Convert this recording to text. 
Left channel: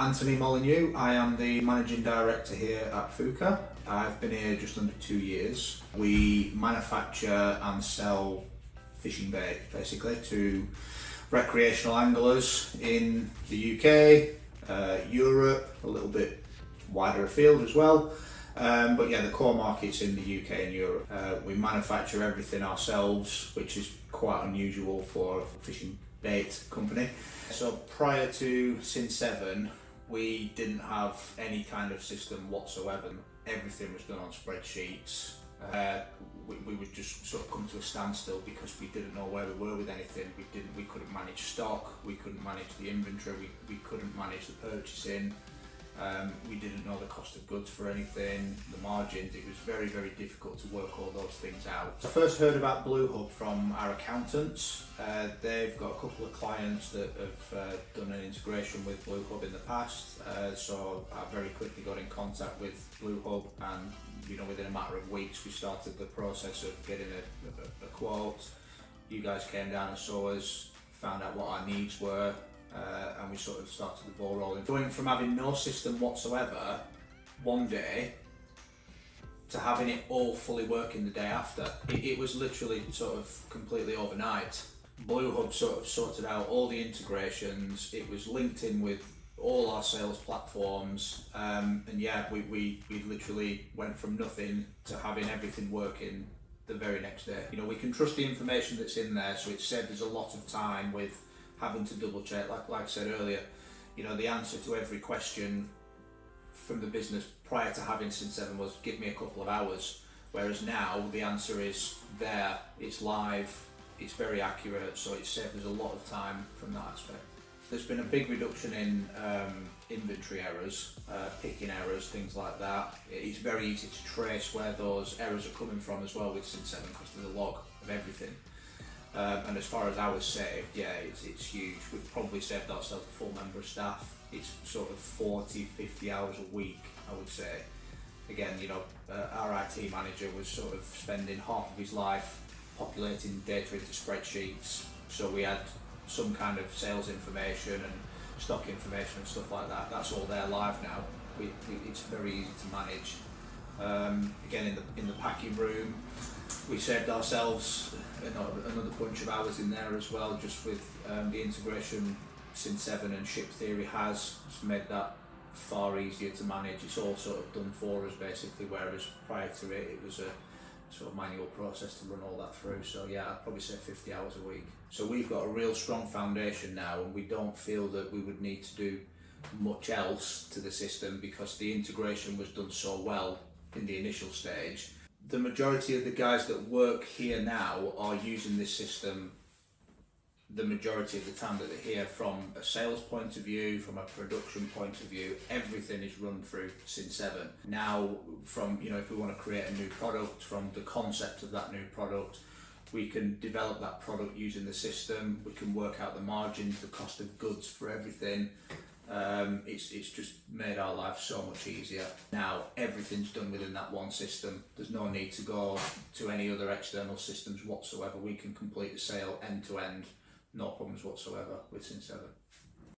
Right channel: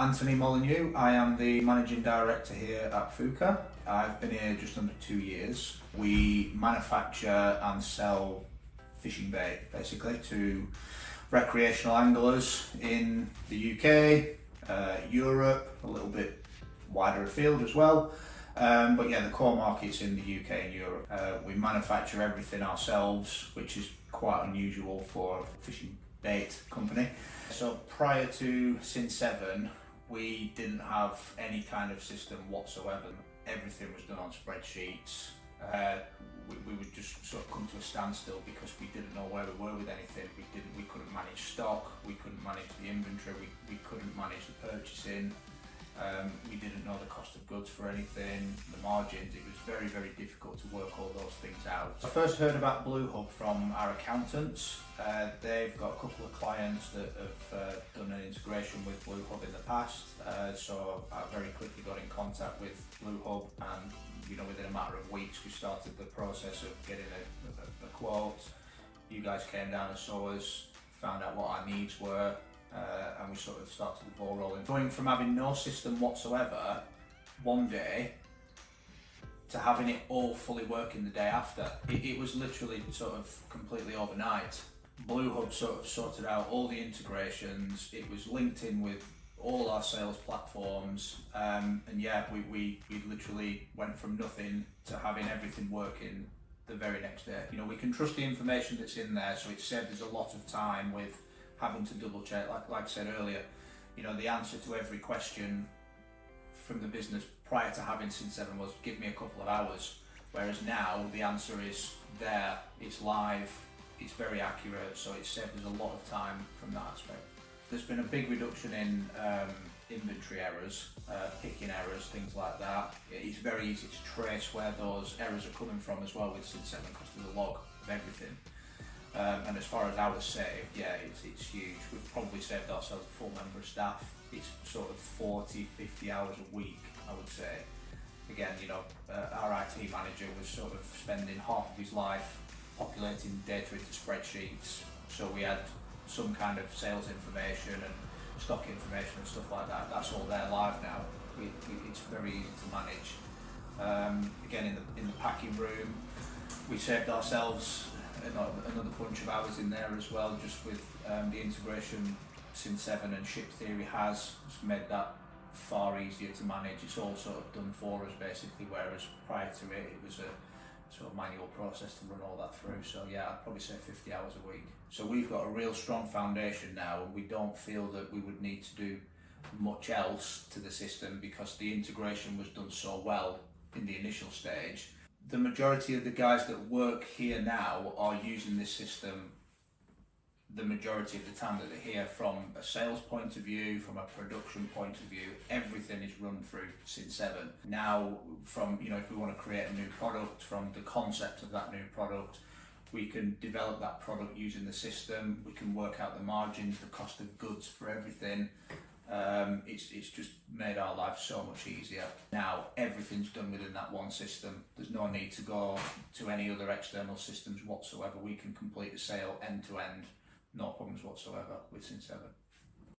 Anthony Molyneux. I am the Managing Director here at Fjuka. I've been here just under 2 years. We manufacture and sell fishing bait basically to recreational anglers in the UK, Europe, a little bit wider afield as well. But yeah, the core market's in the UK and Europe. We manufacture everything ourselves, which is quite unusual for a fishing bait company. So prior to Cin7, we didn't have any kind of system whatsoever. Everything was done on spreadsheets. We would just sort of come to a standstill because we didn't know where we were with anything. We couldn't manage stock, we couldn't manage the inventory, we couldn't manage the purchasing. We didn't know the cost of goods for anything, the margins. It was very, very difficult to work all those things out. I first heard about BlueHub from our accountants. They've got a couple of clients that have done an integration with BlueHub in the past, so I very quickly got in contact with BlueHub, and within a matter of weeks we started the process of getting a quote. You guys came down and saw us, found out what our needs were, and we sort of started the ball rolling. Going from having no system whatsoever one day to having it all fully working the day after, it was literally sort of completely overnight. BlueHub sort of sorted out all the integrations, it was linked in with all our sales platforms, and yeah, we literally went from nothing to having everything working the very next day. We can trust the information that's in there, so it saved us a lot of time with having to double check, like I said earlier. The answer to every question from the business prior to having Cin7 was give me a couple of hours, whereas now the answer is there, it's live, it's very accurate, so it saved us a lot of time from that aspect. There's been a big reduction in inventory errors, picking errors, things like that. It's very easy to trace where those errors are coming from as well with Cin7 because there's a log of everything. And as far as hours saved, yeah, it's huge. We've probably saved ourselves a full member of staff. It's sort of 40-50 hours a week, I would say. Again, our IT manager was sort of spending half of his life populating data into spreadsheets. So we had some kind of sales information and stock information and stuff like that. That's all there live now. It's very easy to manage. Again, in the packing room, we saved ourselves another bunch of hours in there as well, just with the integration Cin7 and Ship Theory has made that far easier to manage. It's all sort of done for us basically, whereas prior to it, it was a sort of manual process to run all that through. So yeah, I'd probably say 50 hours a week. So we've got a real strong foundation now, and we don't feel that we would need to do much else to the system because the integration was done so well in the initial stage. The majority of the guys that work here now are using this system the majority of the time that they're here. From a sales point of view, from a production point of view, everything is run through Cin7. Now, from if we want to create a new product, from the concept of that new product, we can develop that product using the system. We can work out the margins, the cost of goods for everything. It's just made our life so much easier. Now everything's done within that one system. There's no need to go to any other external systems whatsoever. We can complete the sale end to end, no problems whatsoever with Cin7.